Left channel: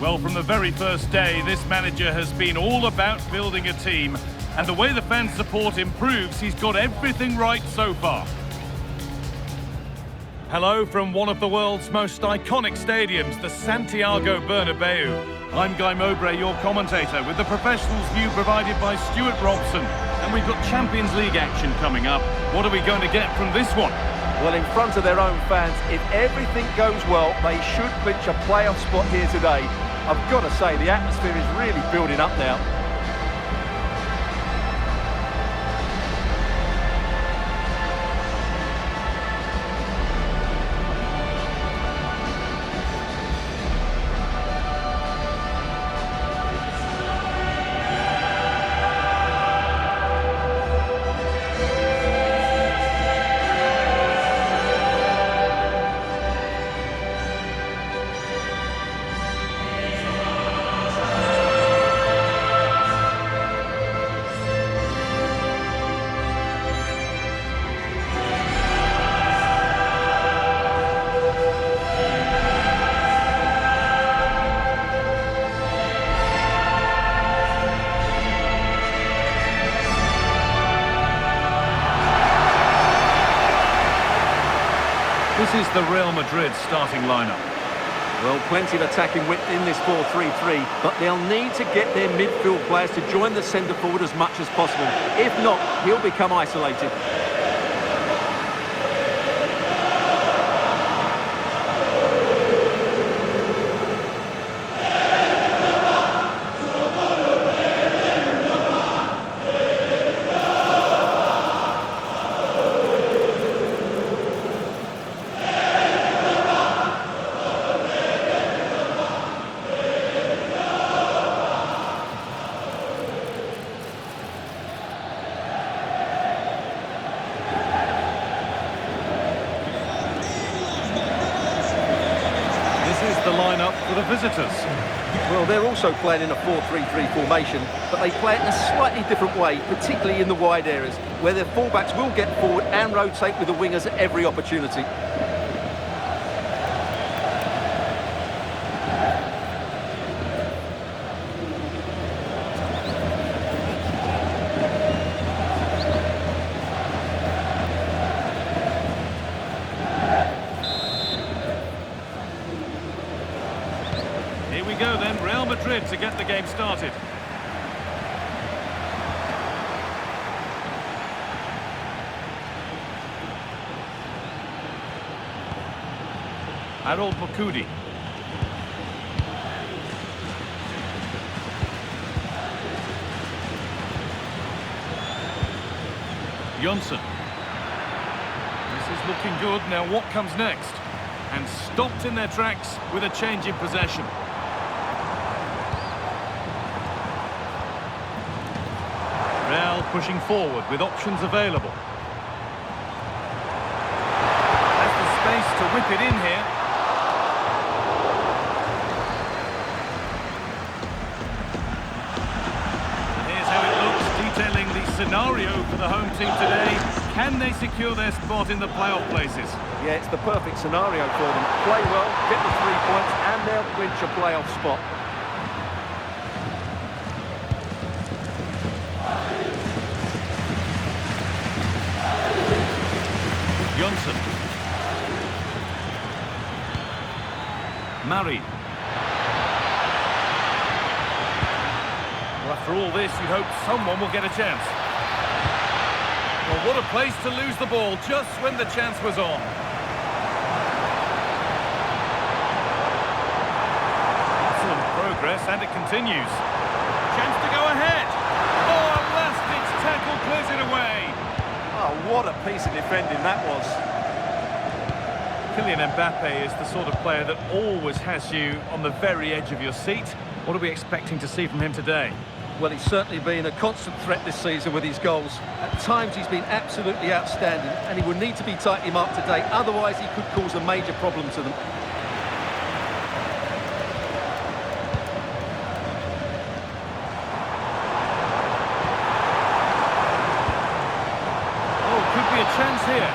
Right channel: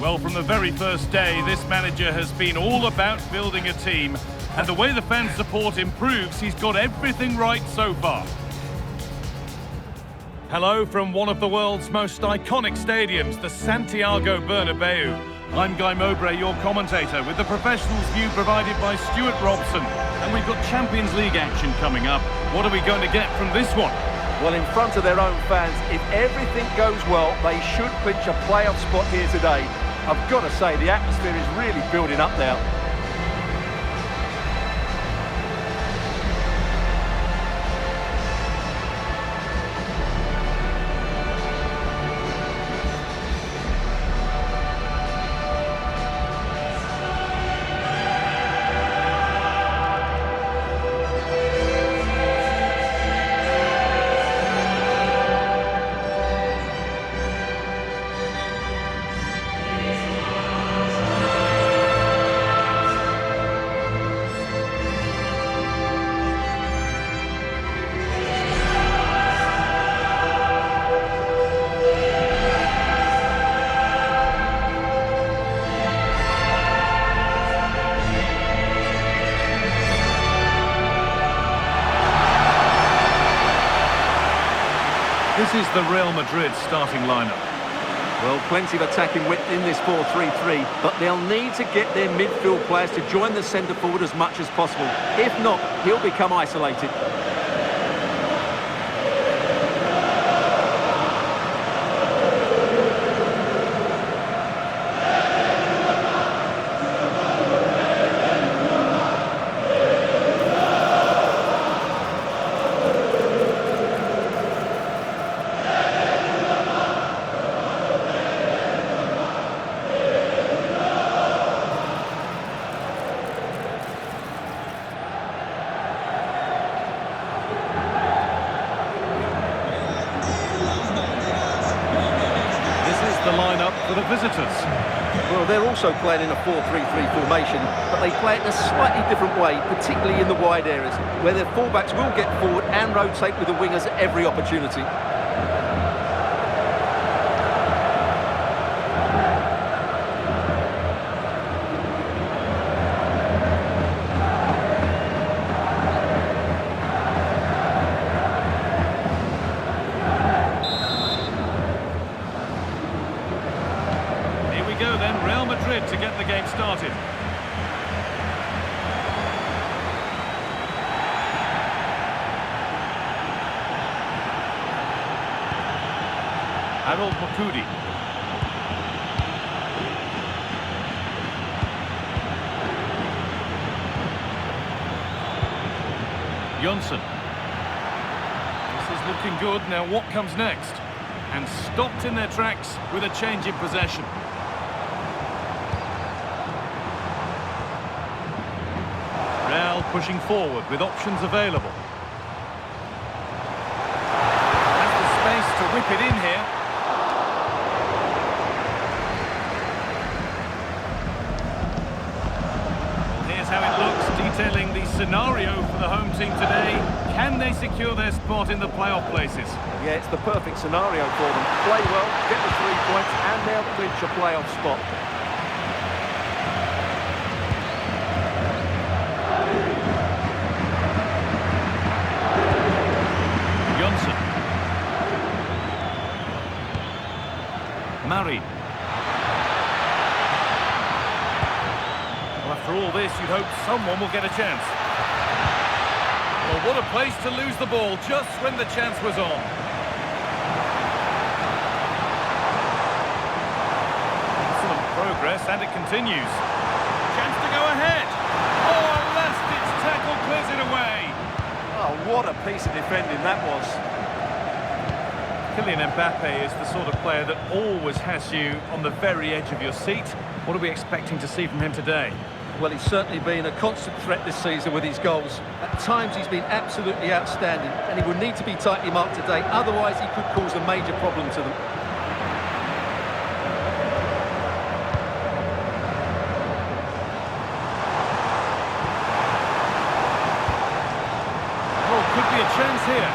Well, from the very first day, this manager has been all about building a team, and the way the fan support improves, he's got everything right so far. Hello from one of the world's most iconic stadiums, the Santiago Bernabeu. I'm Guy Mowbray, your commentator, with the professionals' view provided by Stuart Robson. And we've got Champions League action coming up. What are we going to get from this one? Well, in front of their own fans, if everything goes well, they should clinch a playoff spot here today. I've got to say, the atmosphere is really building up now. This is the Real Madrid starting lineup. Well, plenty of attacking width in this 4-3-3, but they'll need to get their midfield players to join the centre forward as much as possible. If not, he'll become isolated. This is the lineup for the visitors. Well, they're also playing in a 4-3-3 formation, but they play it in a slightly different way, particularly in the wide areas, where their fullbacks will get forward and rotate with the wingers at every opportunity. Here we go then, Real Madrid to get the game started. Harold Makudi. Jonsson. This is looking good. Now what comes next? And stopped in their tracks with a change in possession. Real pushing forward with options available. Has the space to whip it in here. Well, here's how it looks, detailing the scenario for the home team today. Can they secure their spot in the playoff places? Yeah, it's the perfect scenario for them. Play well, get the 3 points, and they'll clinch a playoff spot. Jonsson. Mari. Well, after all this, you'd hope someone will get a chance. Well, what a place to lose the ball just when the chance was on. Excellent progress, and it continues. Chance to go ahead. Oh, a last-ditch tackle clears it away. Oh, what a piece of defending that was. Kylian Mbappe is the sort of player that always has you on the very edge of your seat. What are we expecting to see from him today? Well, he's certainly been a constant threat this season with his goals. At times he's been absolutely outstanding, and he will need to be tightly marked today, otherwise he could cause a major problem to them. Oh, could be a chance here.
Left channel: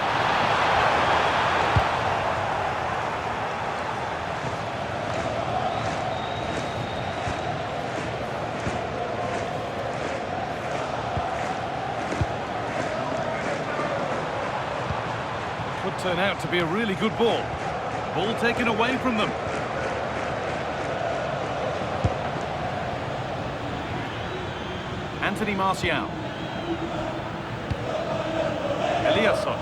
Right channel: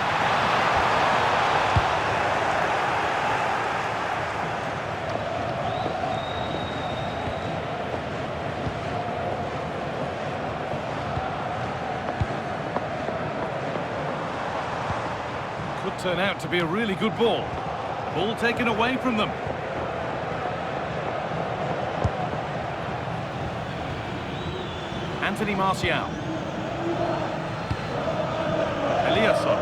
turn out to be a really good ball. The ball taken away from them. Anthony Martial. Eliasson.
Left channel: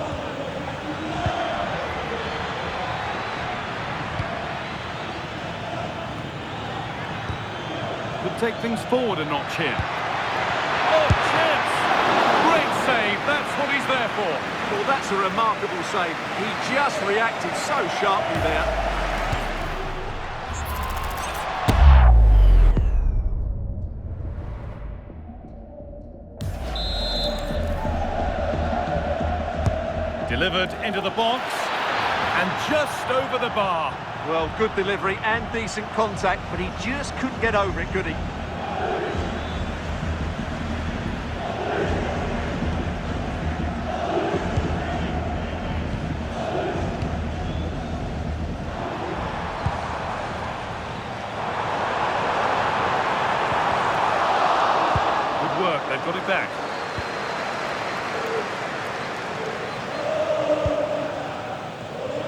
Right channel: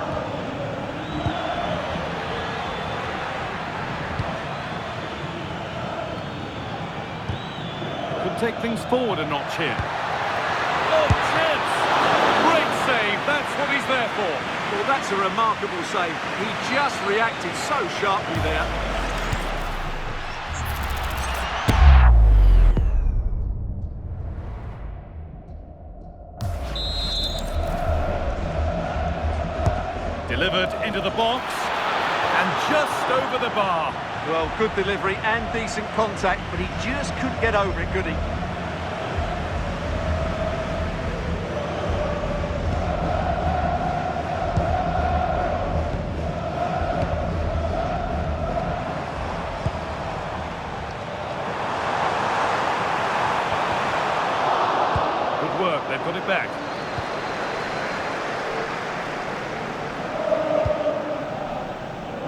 Could take things forward a notch here. Oh, chance! Great save, that's what he's there for. Well, that's a remarkable save. He just reacted so sharply there. Delivered into the box, and just over the bar. Well, good delivery and decent contact, but he just couldn't get over it, could he? Good work, they've got it back.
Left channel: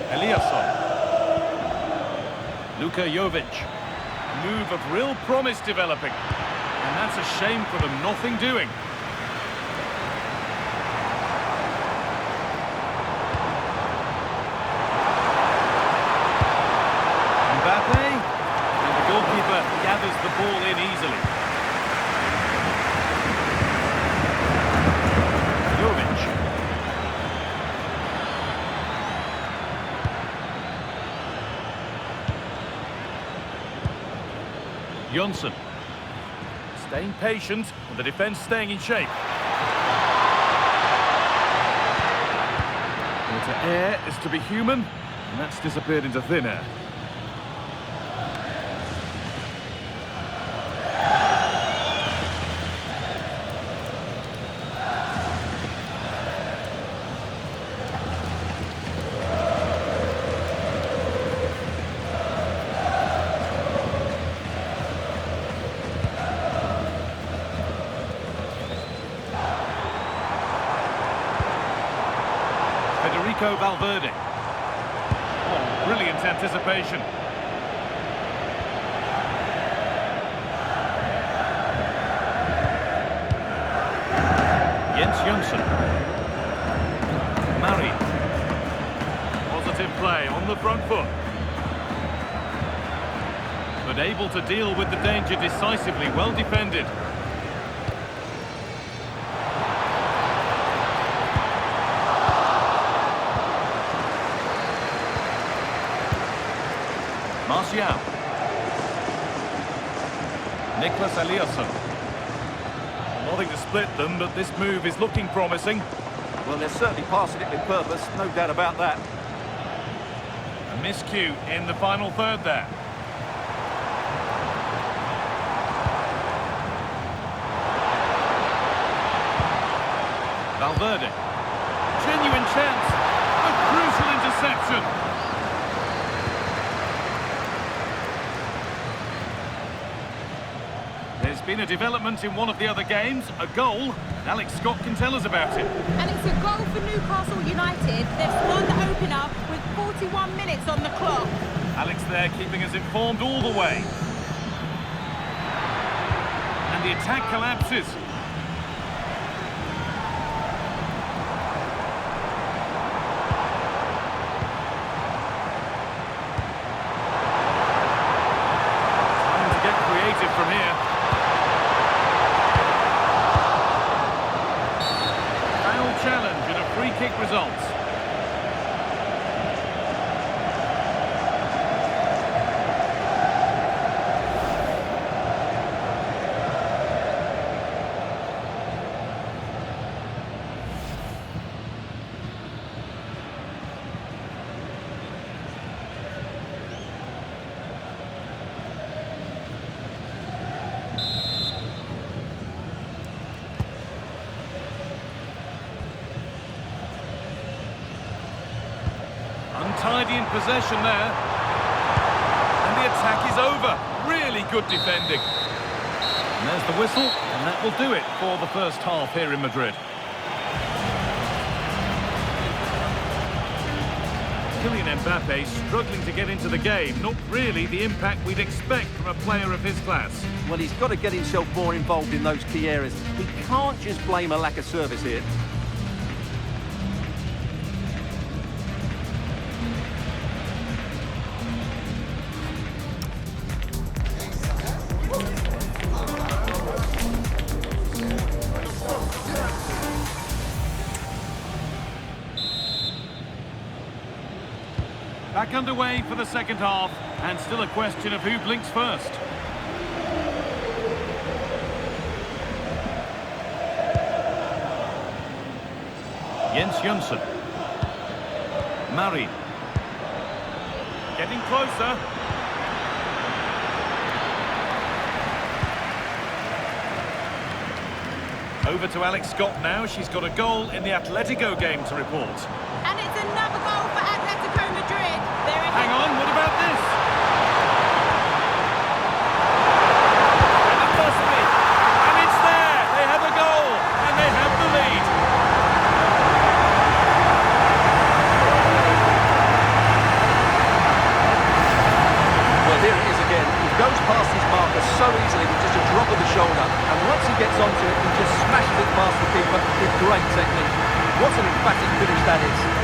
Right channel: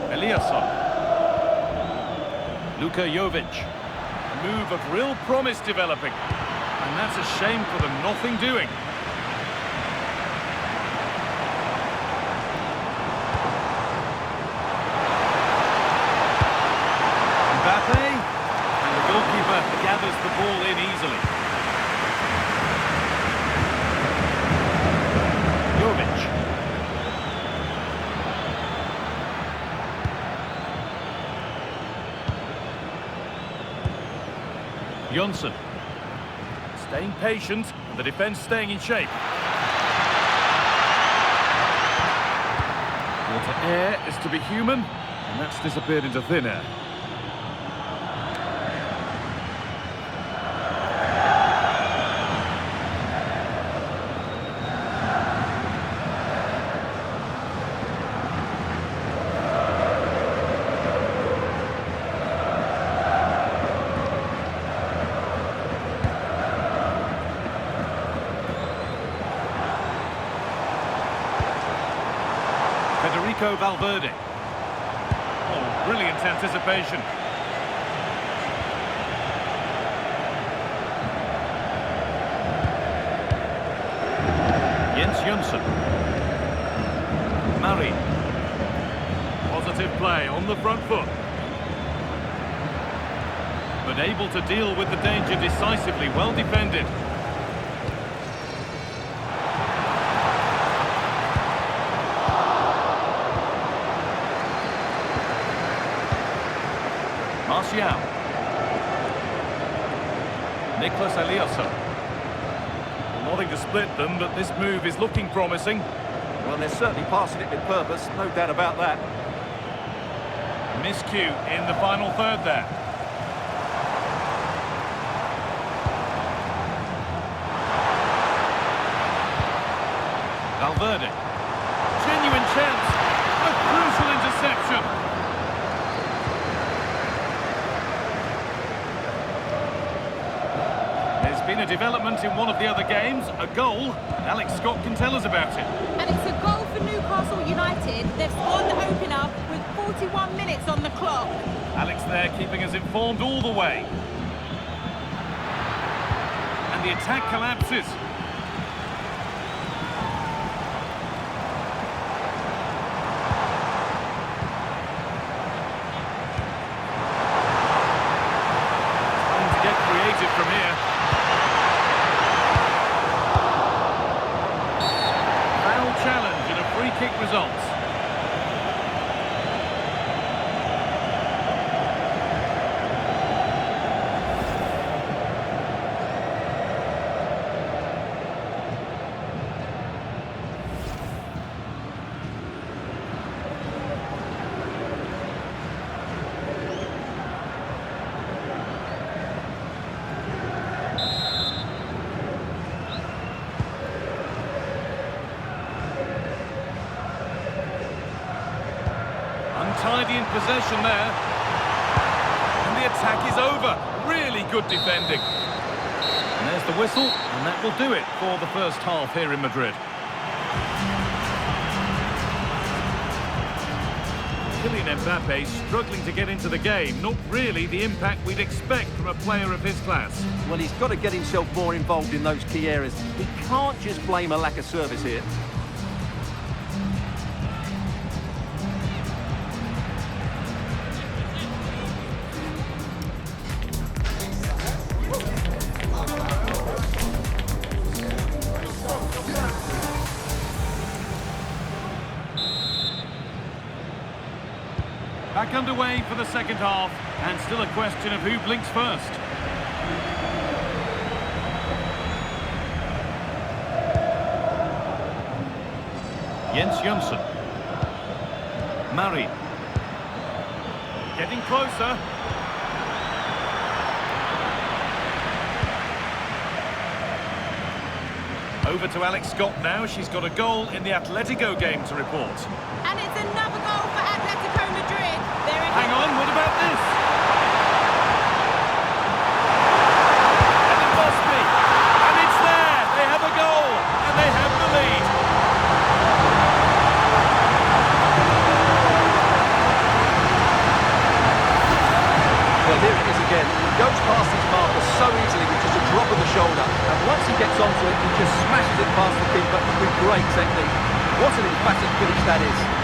Eliasson. Luka Jovic. A move of real promise developing. And that's a shame for them, nothing doing. Mbappe. And the goalkeeper gathers the ball in easily. Jovic. Jonsson. Staying patient, and the defence staying in shape. Well, to err is to be human, and that's disappeared into thin air. Federico Valverde. Oh, brilliant anticipation. Jens Jonsson. Marin. Positive play on the front foot. But able to deal with the danger decisively, well defended. Martial. Nicolas Eliasson. Well, nothing to split them, but this move is looking promising. Well, they're certainly passing it with purpose, no doubt about that. A miscue in the final third there. Valverde. Genuine chance. A crucial interception. There's been a development in one of the other games, a goal, and Alex Scott can tell us about it. And it's a goal for Newcastle United. They've scored the opener with 41 minutes on the clock. Alex there keeping us informed all the way. And the attack collapses. Time to get creative from here. Foul challenge and a free kick results. Untidy in possession there. And the attack is over. Really good defending. And there's the whistle, and that will do it for the first half here in Madrid. Kylian Mbappe struggling to get into the game. Not really the impact we'd expect from a player of his class. Well, he's got to get himself more involved in those key areas. He can't just blame a lack of service here. Back underway for the second half, and still a question of who blinks first. Jens Jönsson. Marin. Getting closer. Over to Alex Scott now. She's got a goal in the Atletico game to report. And it's another goal for Atletico Madrid. They're ahead. Hang on, what about this? And it must be. And it's there. They have a goal. And they have the lead. Well, here it is again. He goes past his marker so easily with just a drop of the shoulder. And once he gets onto it, he just smashes it past the keeper with great technique. What an emphatic finish that is.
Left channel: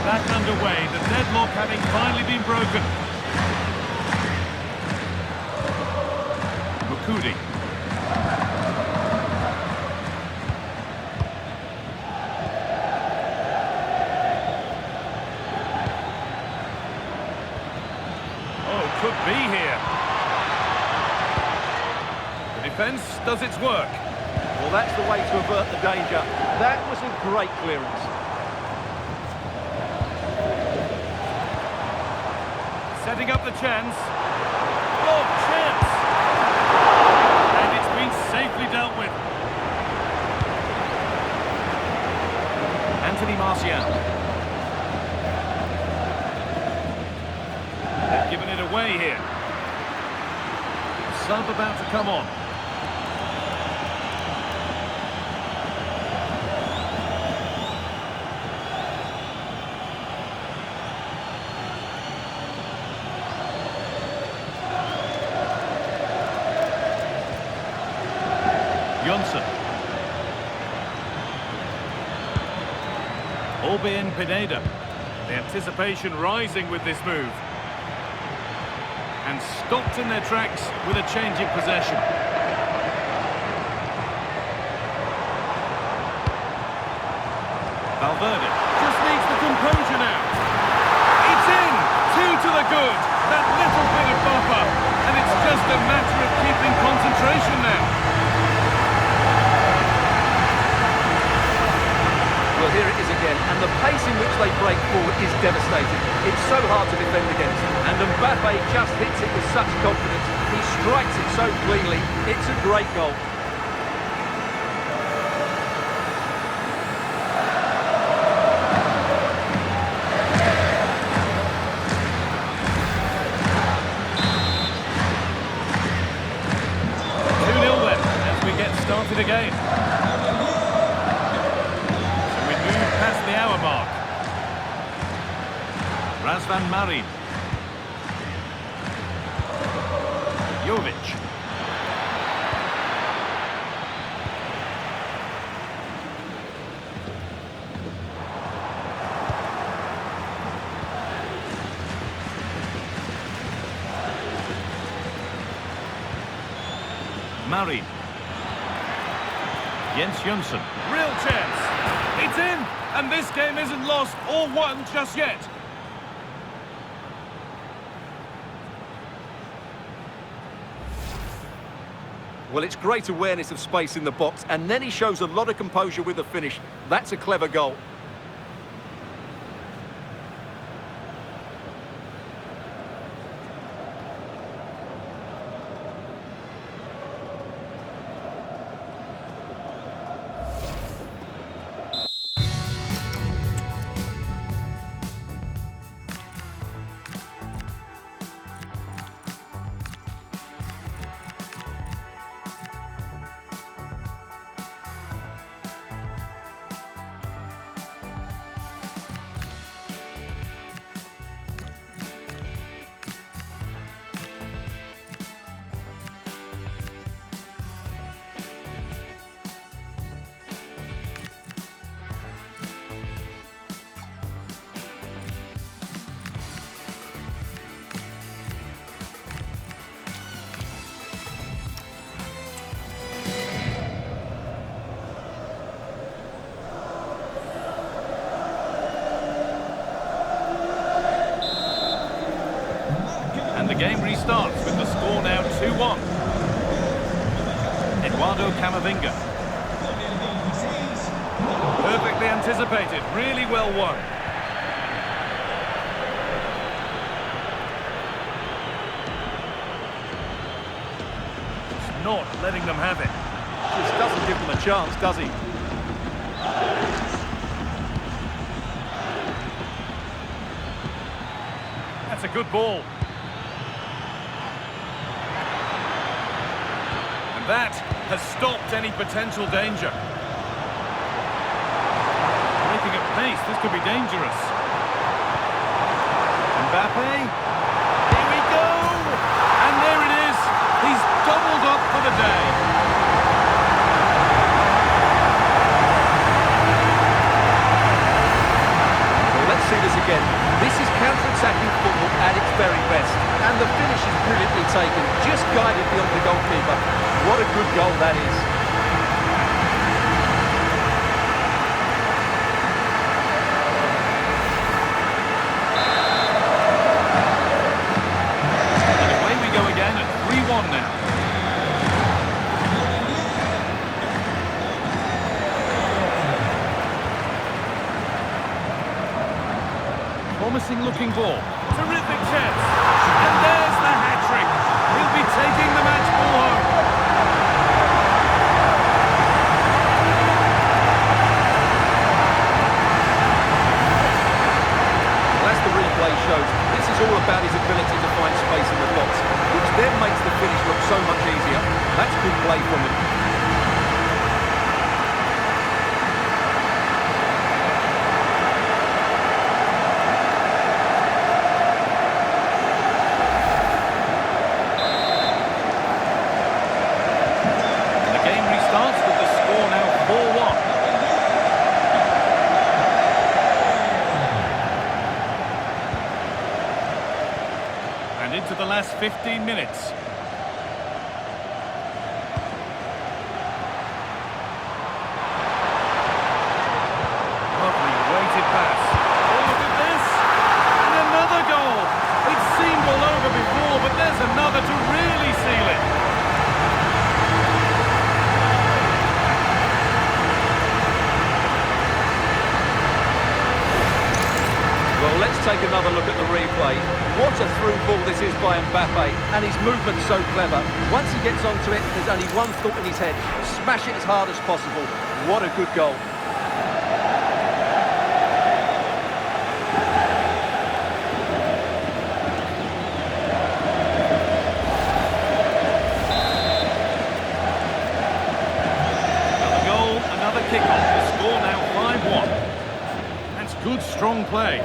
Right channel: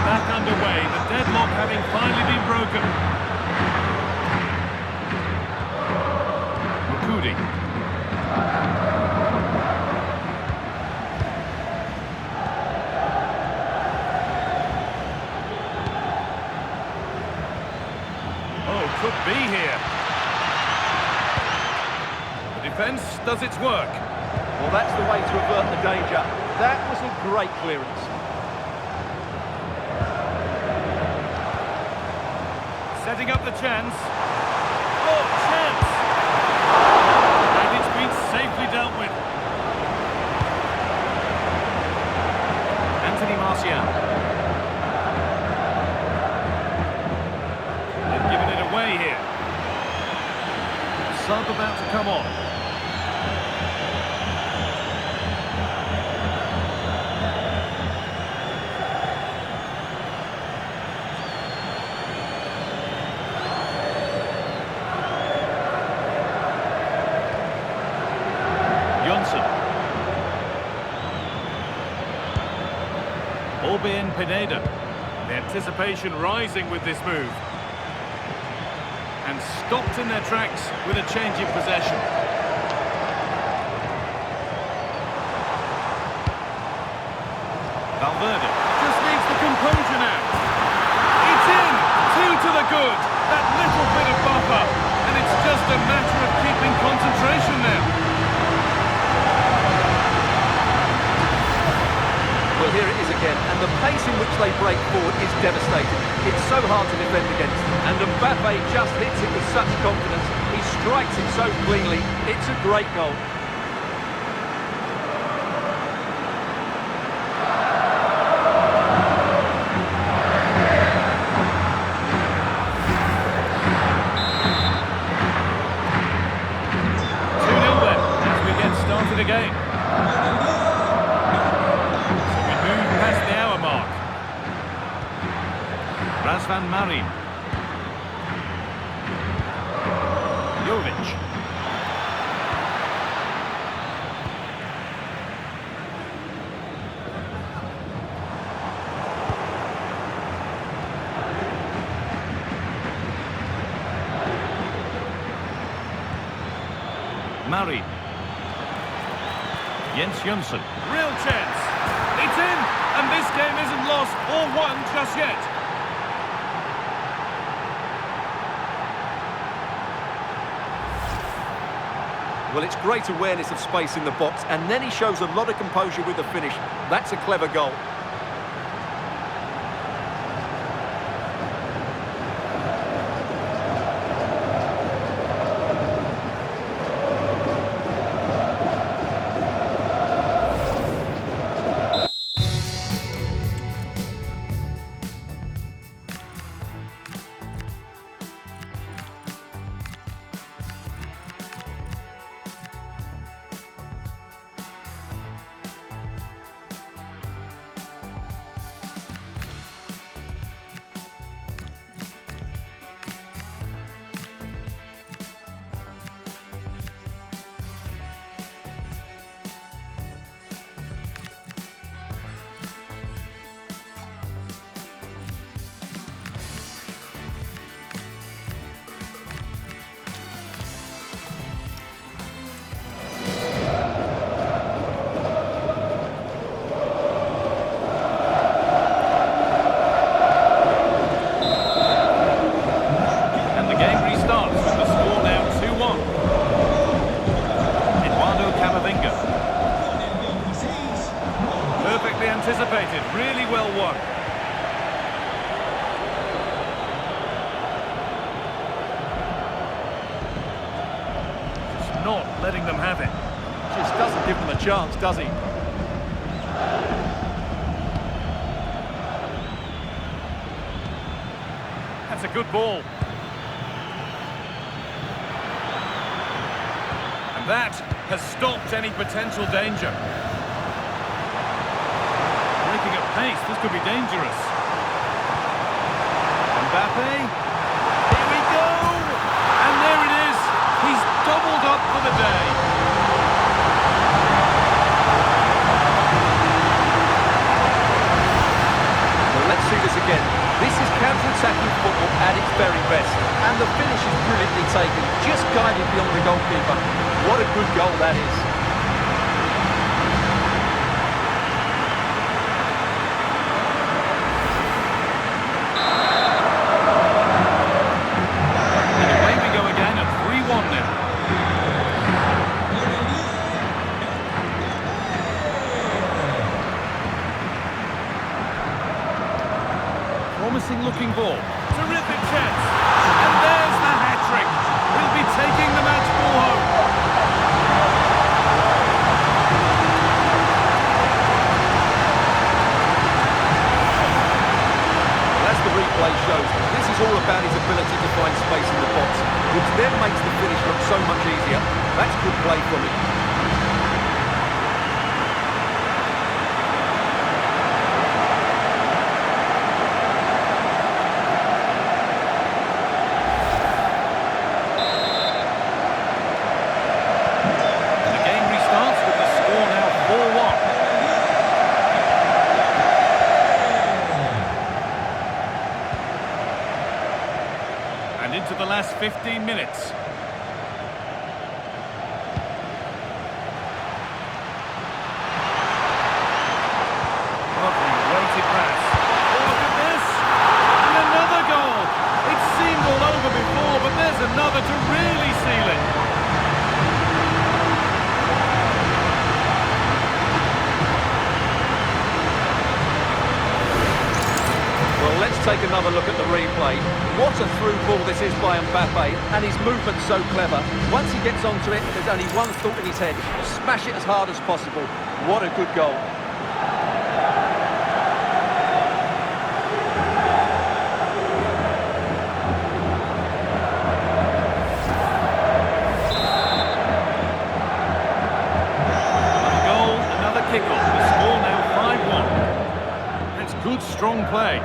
Back underway, the deadlock having finally been broken. Mukudi. Oh, could be here. The defence does its work. Well, that's the way to avert the danger. That was a great clearance. Setting up the chance. Oh, chance! And it's been safely dealt with. Anthony Martial. They've given it away here. A sub about to come on. Jönsson. Albin Pineda. The anticipation rising with this move. And stopped in their tracks with a change in possession. Valverde just needs the composure now. It's in! 2 to the good. That little bit of buffer. And it's just a matter of keeping concentration now. Well, here it is again, and the pace in which they break forward is devastating. It's so hard to defend against, and Mbappe just hits it with such confidence. He strikes it so cleanly. It's a great goal. Then, as we get started again. Past the hour mark. Razvan Marin. Jovic. Marin. Jens Jönsson. Real chance. It's in, and this game isn't lost or won just yet. Well, it's great awareness of space in the box, and then he shows a lot of composure with the finish. That's a clever goal. Perfectly anticipated, really well won. Just not letting them have it. Just doesn't give them a chance, does he? That's a good ball. And that has stopped any potential danger. Breaking at pace, this could be dangerous. Mbappe. Here we go! And there it is. He's doubled up for the day. Well, let's see this again. This is counter-attacking football at its very best. And the finish is brilliantly taken, just guided beyond the goalkeeper. What a good goal that is. And away we go again at 3-1 now. Promising looking ball. Terrific chance. And there's the hat-trick. He'll be taking the match ball home. Well, as the replay shows, this is all about his ability to find space in the box, which then makes the finish look so much easier. That's good play from him. Starts with the score now 4-1. And into the last 15 minutes. Lovely weighted pass. Oh, look at this! And another goal! It seemed all over before, but there's another to really seal it. Well, let's take another look at the replay. What a through ball this is by Mbappe, and his movement's so clever. Once he gets onto it, there's only one thought in his head: smash it as hard as possible. What a good goal. Another goal, another kick-off. The score now 5-1. That's good, strong play.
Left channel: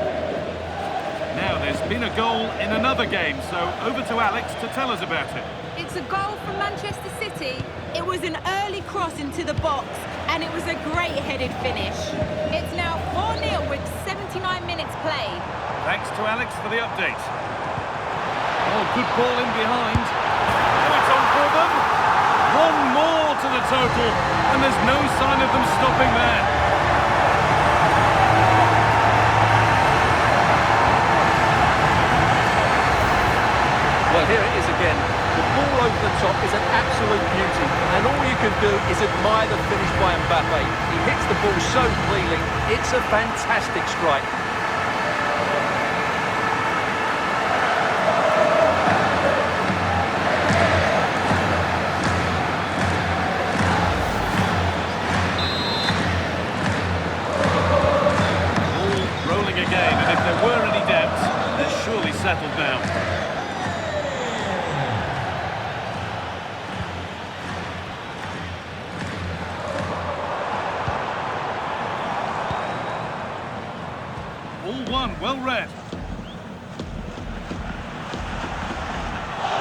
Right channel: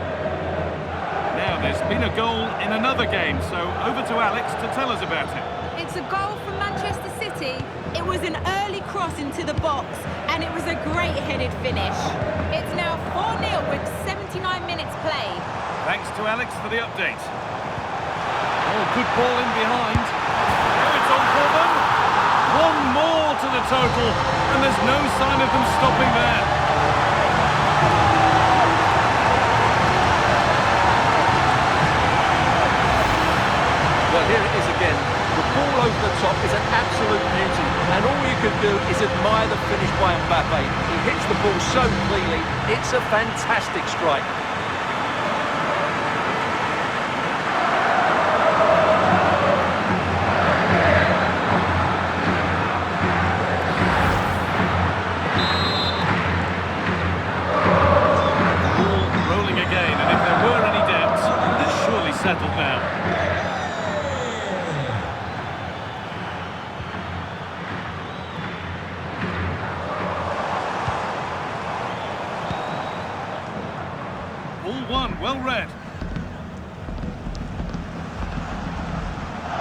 Now, there's been a goal in another game, so over to Alex to tell us about it. It's a goal from Manchester City. It was an early cross into the box, and it was a great headed finish. It's now 4-0 with 79 minutes played. Thanks to Alex for the update. Oh, good ball in behind. Now it's on for them. One more to the total, and there's no sign of them stopping there. Well, here it is again. The ball over the top is an absolute beauty, and all you can do is admire the finish by Mbappe. He hits the ball so cleanly, it's a fantastic strike. Ball rolling again, and if there were any doubts, they're surely settled now. All one, well read.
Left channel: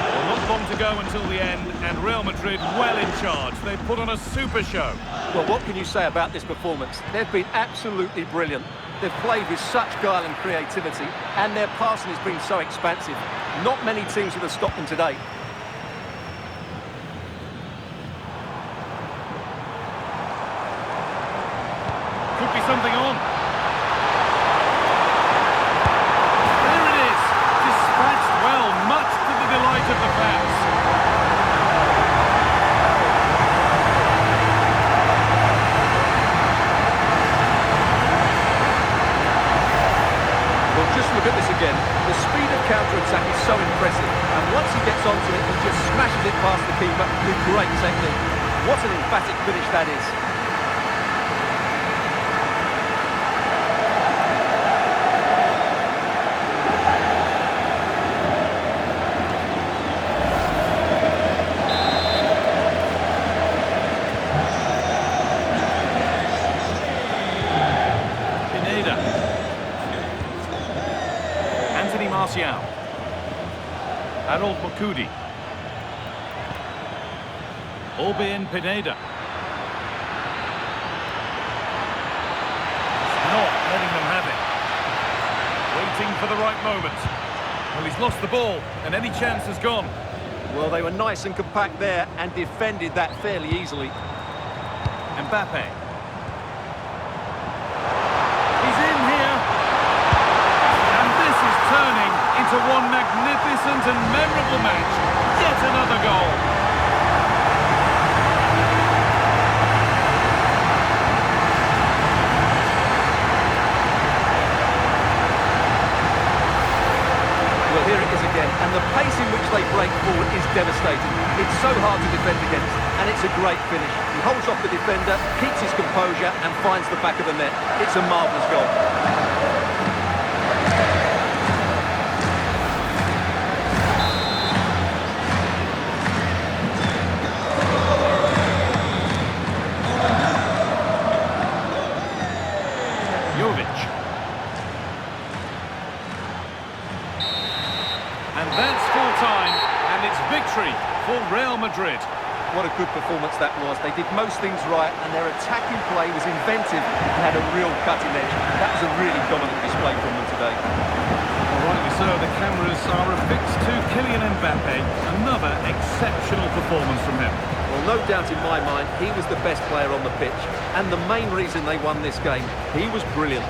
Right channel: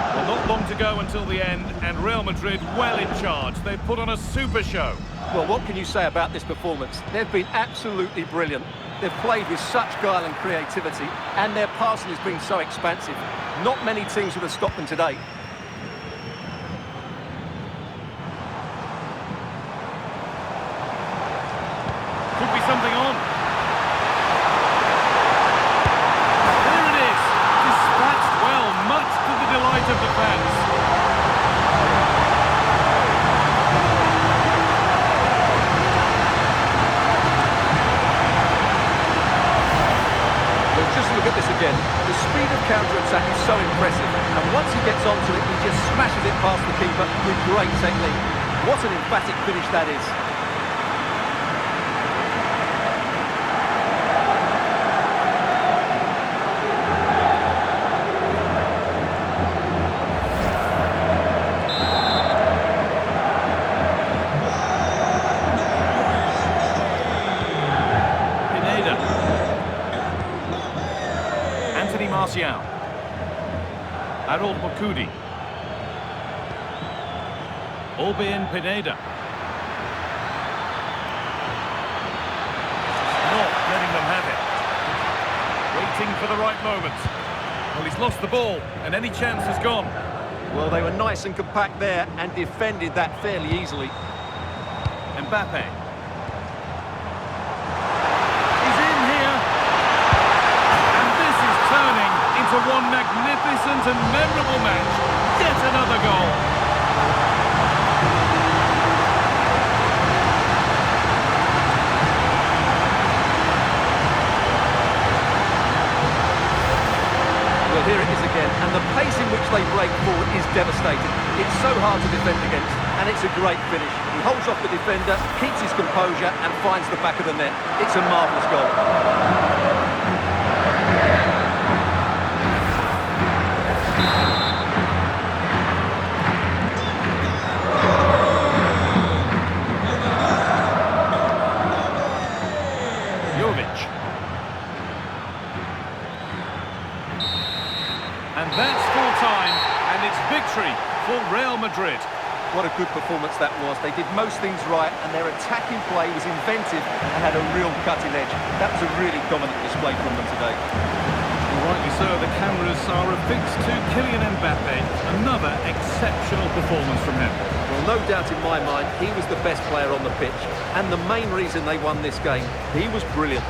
Well, not long to go until the end, and Real Madrid well in charge. They've put on a super show. Well, what can you say about this performance? They've been absolutely brilliant. They've played with such guile and creativity, and their passing has been so expansive. Not many teams would have stopped them today. Could be something on. Dispatched well, much to the delight of the fans. Well, just look at this again. The speed of counter-attack is so impressive. And once he gets onto it, he just smashes it past the keeper with great technique. What an emphatic finish that is. Anthony Martial. Harold Mukudi. Albin Pineda. Just not letting them have it. Waiting for the right moment. Well, he's lost the ball, and any chance has gone. Well, they were nice and compact there and defended that fairly easily. Mbappe. He's in here. And this is turning into one magnificent and memorable match. Yet another goal. Well, here it is again, and the pace in which they break forward is devastating. It's so hard to defend against, and it's a great finish. He holds off the defender, keeps his composure, and finds the back of the net. It's a marvellous goal. And that's full time, and it's victory for Real Madrid. What a good performance that was. They did most things right, and their attacking play was inventive and had a real cutting edge. That was a really dominant display from them today. Well, rightly so, the cameras are affixed to Kylian Mbappe. Another exceptional performance from him. Well, no doubt in my mind, he was the best player on the pitch, and the main reason they won this game. He was brilliant.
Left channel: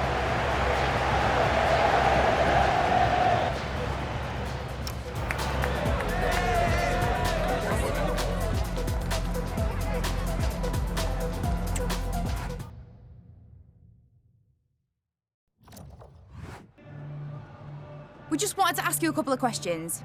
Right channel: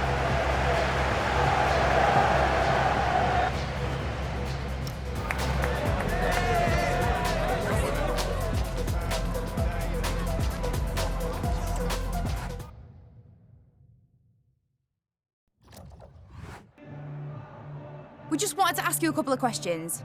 We just wanted to ask you a couple of questions.